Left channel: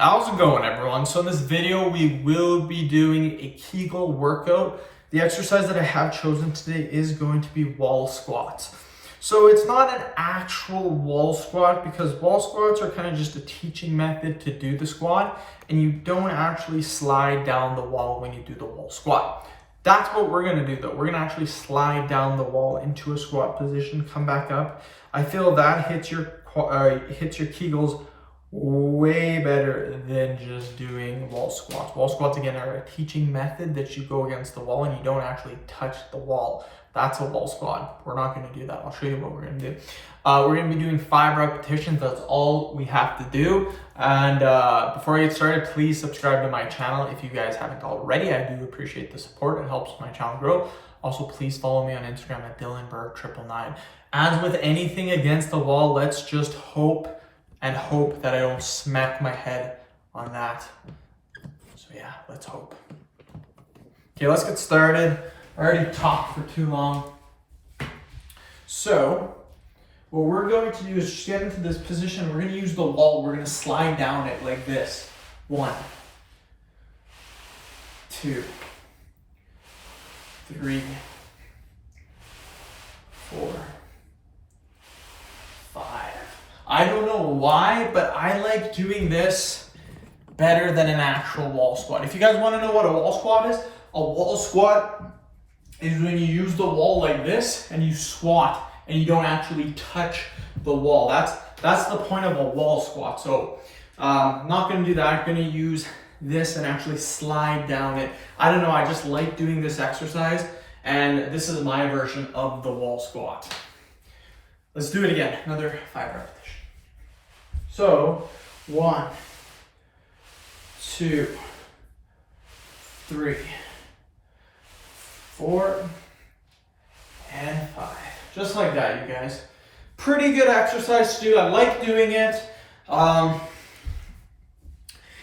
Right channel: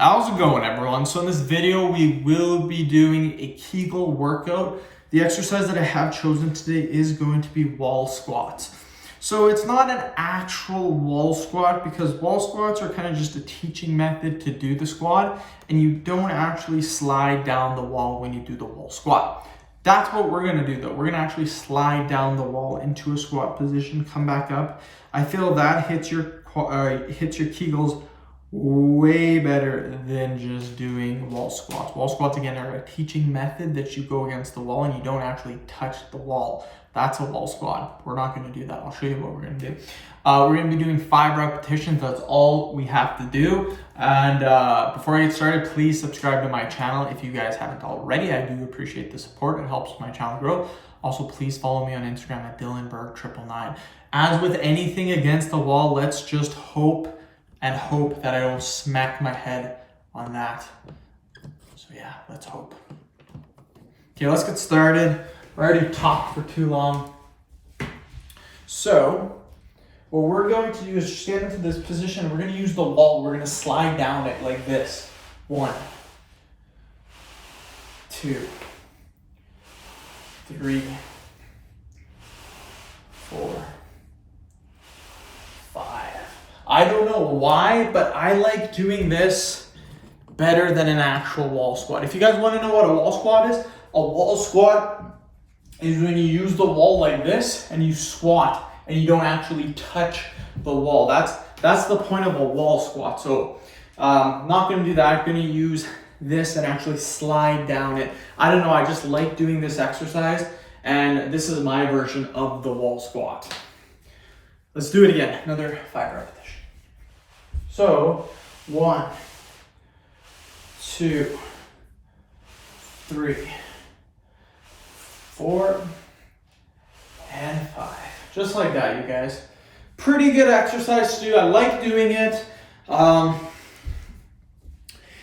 How's it going, everyone? So in this video, we will be doing a Kegel workout. The exercise that I have chosen today is going to be wall squats. So it's not an actual wall squat because wall squats are kind of just a teaching method to do the squat, and you don't actually slide down the wall when you do the wall squat. That's what we're gonna do though. We're gonna actually slide down the wall into a squat position, come back up. I feel that hits your Kegels way better than just doing wall squats. Wall squats, again, are a teaching method that you go against the wall and you don't actually touch the wall. That's a wall squat. We're not going to do that. I'll show you what we're going to do. We're going to be doing 5 repetitions. That's all we have to do. And before I get started, please subscribe to my channel if you guys haven't already. I do appreciate the support. It helps my channel grow. Also, please follow me on Instagram at DylanBerg999. As with anything against the wall, let's just hope that I don't smack my head on that. So yeah, let's hope. Okay, let's get started. I already talked for too long. So what we're going to do is just get into this position. We're going to use the wall. We're going to slide down it like this. 1, 2, 3, 4, 5. I don't know why, but I like doing this better than an actual wall squat. If you guys want to know what a wall squat is, a wall squat is when you use the wall like this and you squat and you don't actually touch the wall. That's the point of a wall squat. So I'm not going to do that. I'm going to use this and actually slide down it. I don't know, I just like doing this exercise, and this is my version of the wall squat. Let's do it again. Another 5 repetitions. So 1, 2, 3, 4, and 5. Just like that, you guys. Pretty good exercise to do. I like doing it.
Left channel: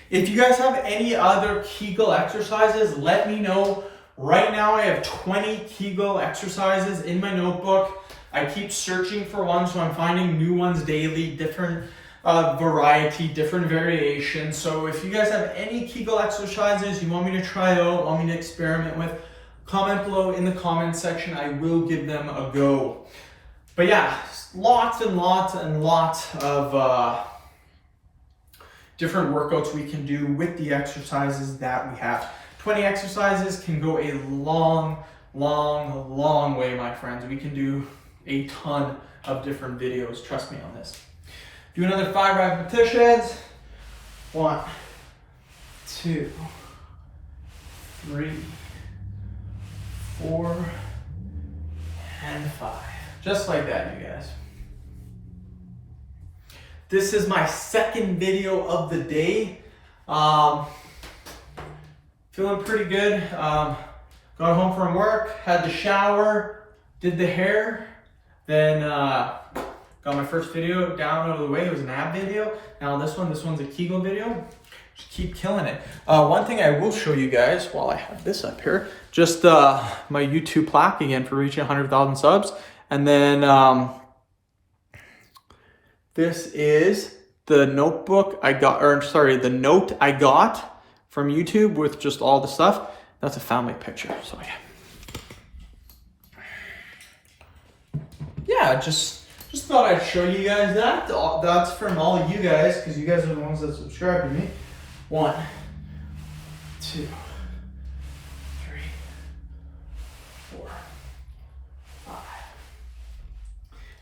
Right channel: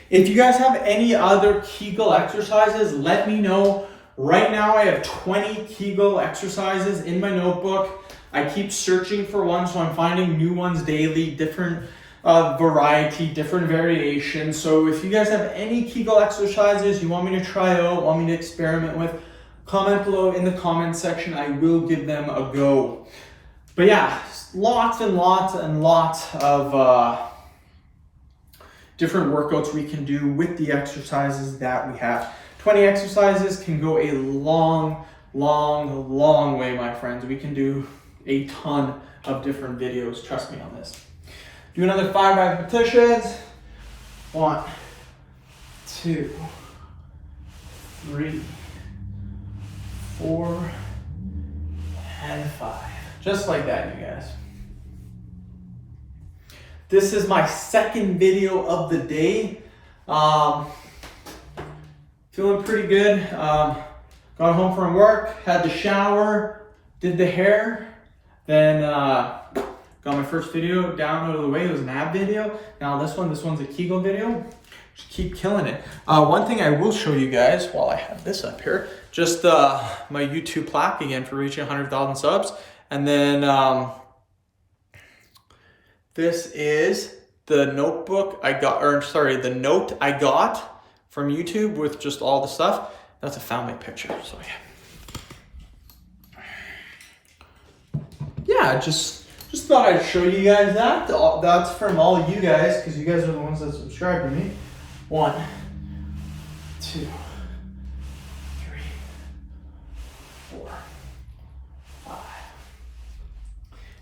If you guys have any other Kegel exercises, let me know. Right now I have 20 Kegel exercises in my notebook. I keep searching for one, so I'm finding new ones daily, different variety, different variations. So if you guys have any Kegel exercises you want me to try out, want me to experiment with, comment below in the comment section. I will give them a go. But yeah, lots and lots of different workouts we can do with the exercises that we have. 20 exercises can go a long way, my friends. We can do a ton of different videos. Trust me on this. Do another 5 repetitions. 1, 2, 3, 4, and 5. Just like that, you guys. This is my second video of the day. Feeling pretty good. Got home from work, had the shower, did the hair, then got my first video down out of the way. It was an ab video. Now this one's a Kegel video. Just keep killing it. One thing I will show you guys while I have this up here, just my YouTube plaque again for reaching 100,000 subs. And then this is the notebook I got, the note I got from YouTube with just all the stuff. That's a family picture. So yeah, just thought I'd show you guys that. That's from all of you guys, because you guys are the ones that subscribe to me. 1, 2, 3, 4, 5.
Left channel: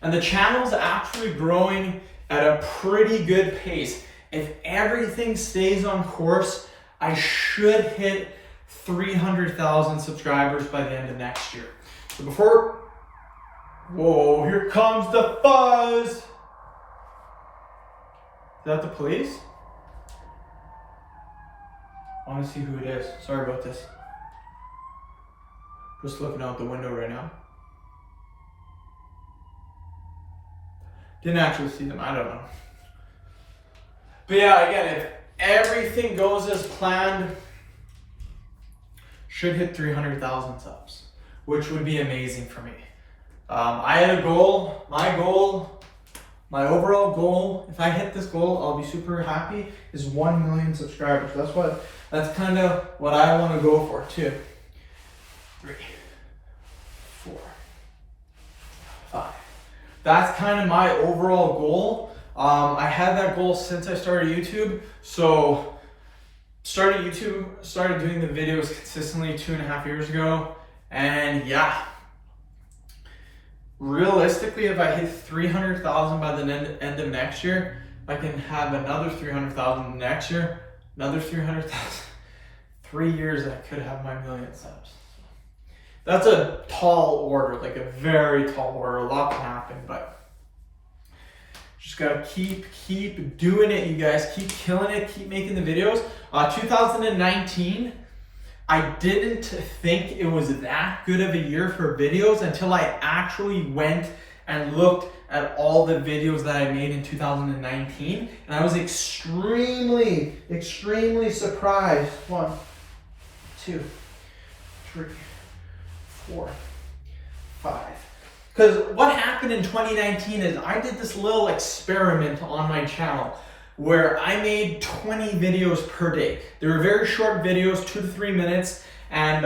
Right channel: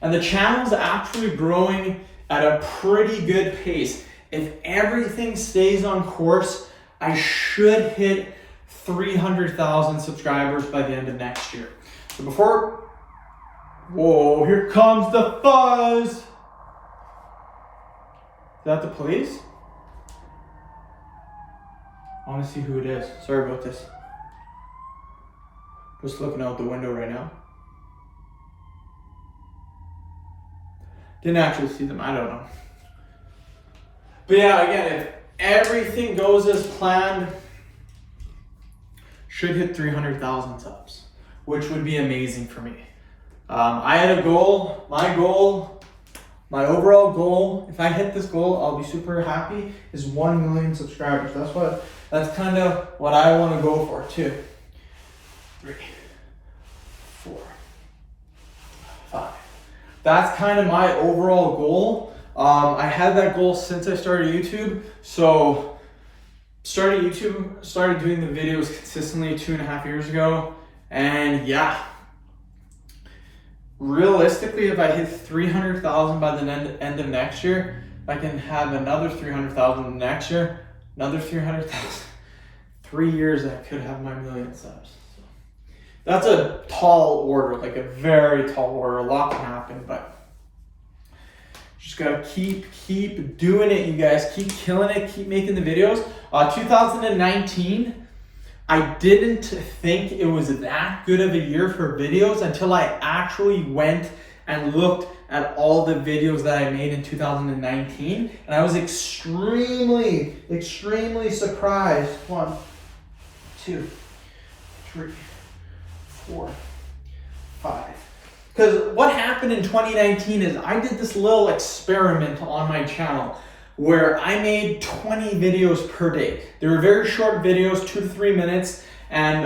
And the channel's actually growing at a pretty good pace. If everything stays on course, I should hit 300,000 subscribers by the end of next year. So before, whoa, here comes the fuzz. Is that the police? I want to see who it is. Sorry about this. Just looking out the window right now. Didn't actually see them, I don't know. But yeah, again, if everything goes as planned, should hit 300,000 subs, which would be amazing for me. I had a goal. My goal My overall goal, if I hit this goal, I'll be super happy, is 1 million subscribers. That's kind of what I want to go for too. 3, 4, 5. That's kind of my overall goal. I had that goal since I started YouTube. So started doing the videos consistently 2.5 years ago. And yeah, realistically, if I hit 300,000 by the end of next year, I can have another 300,000 next year, another 300,000. 3 years, I could have my 1 million subs. That's a tall order, like a very tall order. A lot can happen, but just gotta keep doing it, you guys. Keep killing it, keep making the videos. 2019, I didn't think it was that good of a year for videos until I actually went and looked at all the videos that I made in 2019. And I was extremely surprised. 1, 2, 3, 4, 5. Because what happened in 2019 is I did this little experiment on my channel where I made 20 videos per day. They were very short videos, 2 to 3 minutes. And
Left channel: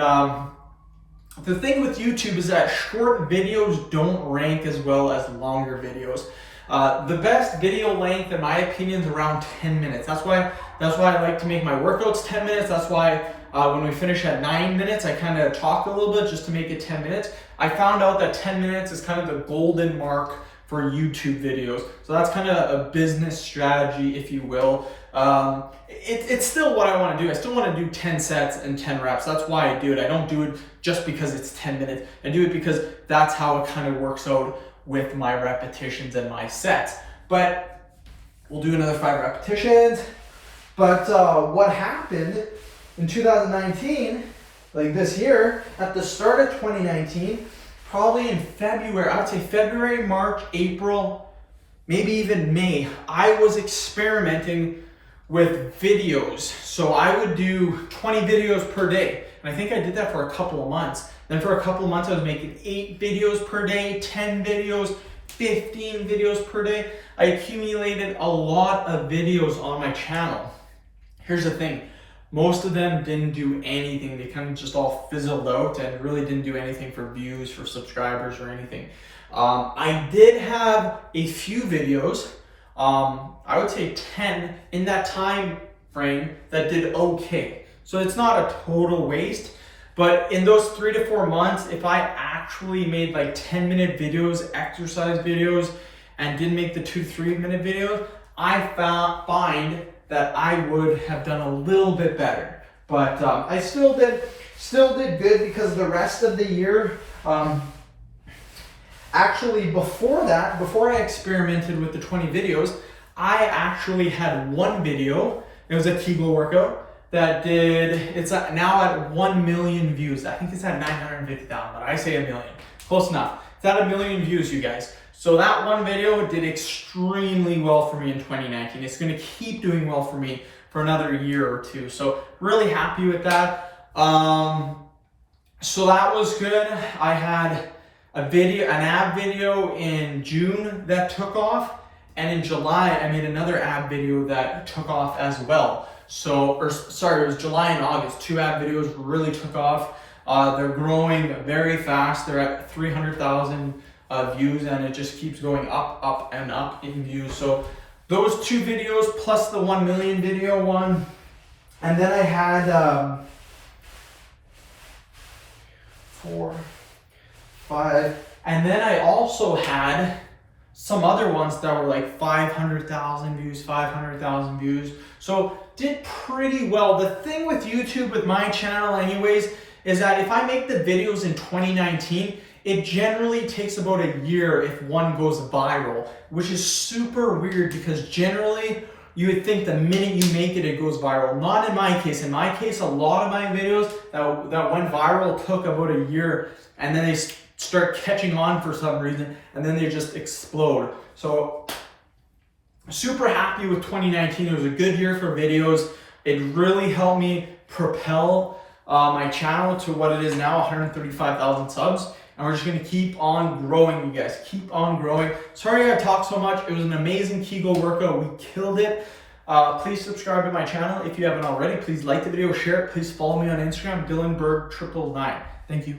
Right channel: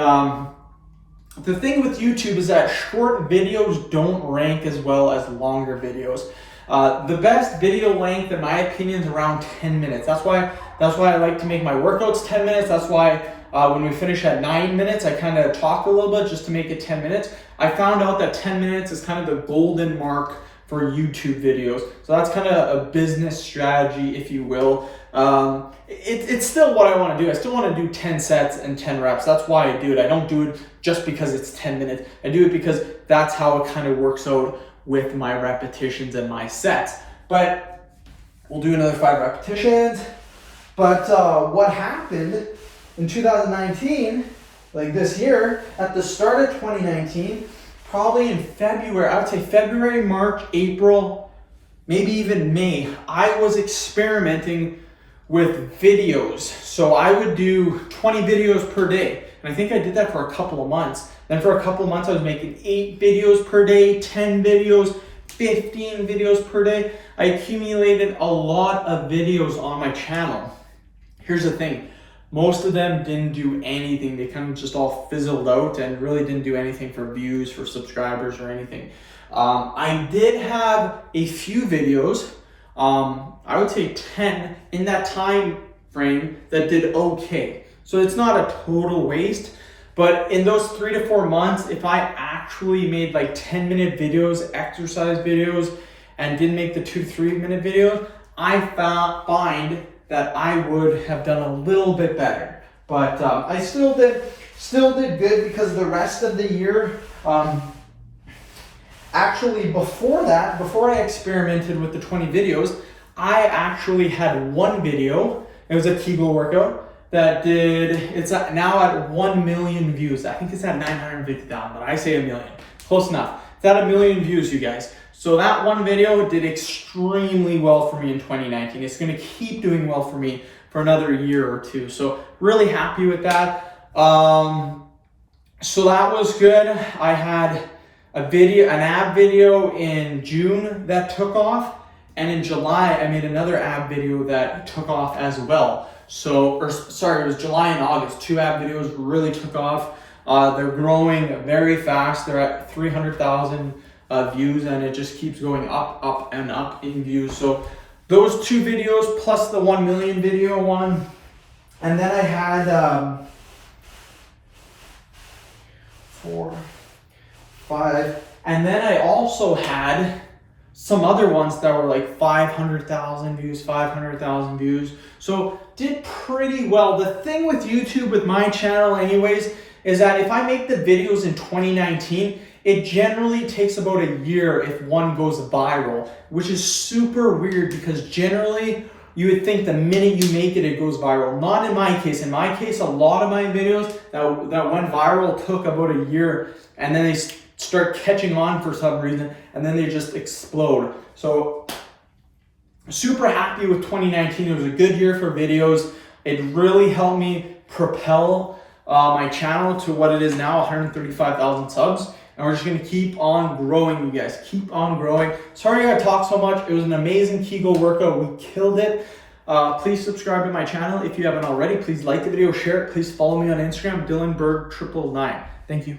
the thing with YouTube is that short videos don't rank as well as longer videos. The best video length, in my opinion, is around 10 minutes. That's why I like to make my workouts 10 minutes. That's why when we finish at 9 minutes, I kind of talk a little bit just to make it 10 minutes. I found out that 10 minutes is kind of the golden mark for YouTube videos. So that's kind of a business strategy, if you will. It's still what I want to do. I still want to do 10 sets and 10 reps. That's why I do it. I don't do it just because it's 10 minutes. I do it because that's how it kind of works out with my repetitions and my sets. But we'll do another 5 repetitions. But what happened in 2019, like this year, at the start of 2019, probably in February, I would say February, March, April, maybe even May, I was experimenting with videos. So I would do 20 videos per day. And I think I did that for a couple of months. Then for a couple of months, I was making 8 videos per day, 10 videos, 15 videos per day. I accumulated a lot of videos on my channel. Here's the thing. Most of them didn't do anything. They kind of just all fizzled out and really didn't do anything for views, for subscribers, or anything. I did have a few videos, I would say 10 in that time frame that did okay. So it's not a total waste, but in those 3 to 4 months, if I actually made like 10-minute videos, exercise videos, and didn't make the 2 to 3 minute videos, I find that I would have done a little bit better. But I still did good because the rest of the year, actually before that, before I experimented with the 20 videos, I actually had one video. It was a Kegel workout that it's now at 1 million views. I think it's at 950,000, but I say 1 million. Close enough. It's at 1 million views, you guys. So that one video did extremely well for me in 2019. It's gonna keep doing well for me for another year or two. So really happy with that. So that was good. I had an ab video in June that took off. And in July, I made another ab video that took off as well. It was July and August. 2 ab videos really took off. They're growing very fast. They're at 300,000 views, and it just keeps going up and up in views. So those 2 videos plus the 1 million video one. And then I had 4, 5. And then I also had some other ones that were like 500,000 views, 500,000 views. So did pretty well. The thing with YouTube, with my channel anyways, is that if I make the videos in 2019, it generally takes about a year if one goes viral, which is super weird because generally you would think the minute you make it, it goes viral. Not in my case. In my case, a lot of my videos that went viral took about a year, and then they start catching on for some reason, and then they just explode. So super happy with 2019. It was a good year for videos. It really helped me propel my channel to what it is now, 135,000 subs. and we're just gonna keep on growing, you guys. Keep on growing. Sorry I talked so much. It was an amazing Kegel workout. We killed it. Please subscribe to my channel if you haven't already. Please like the video, share it. Please follow me on Instagram, DylanBerg999. Thank you.